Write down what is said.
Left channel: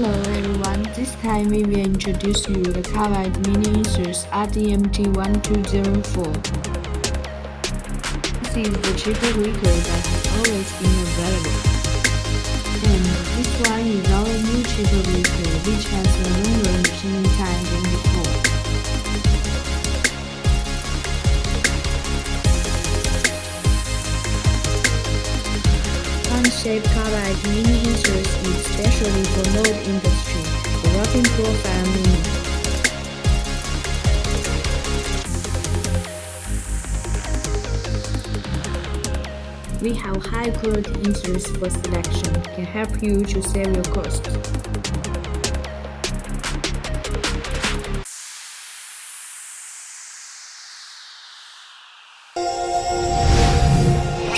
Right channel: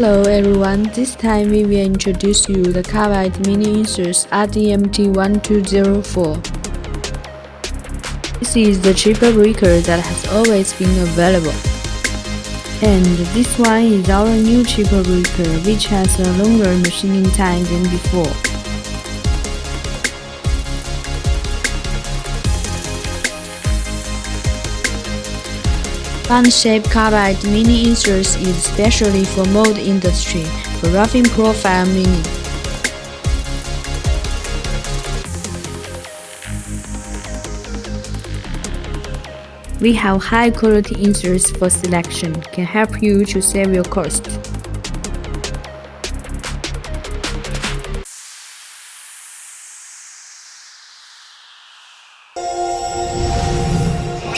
Hello everyone, this time we will introduce you the Carbide mini inserts RDMT1204. This is the cheaper breaker that has always been available. And this one is our new cheaper breaker, which has a longer machining time than before. Fun-shaped Carbide mini inserts is especially for mold industry, for roughing profile mini. We have high-quality inserts for selection, can help you to save your cost.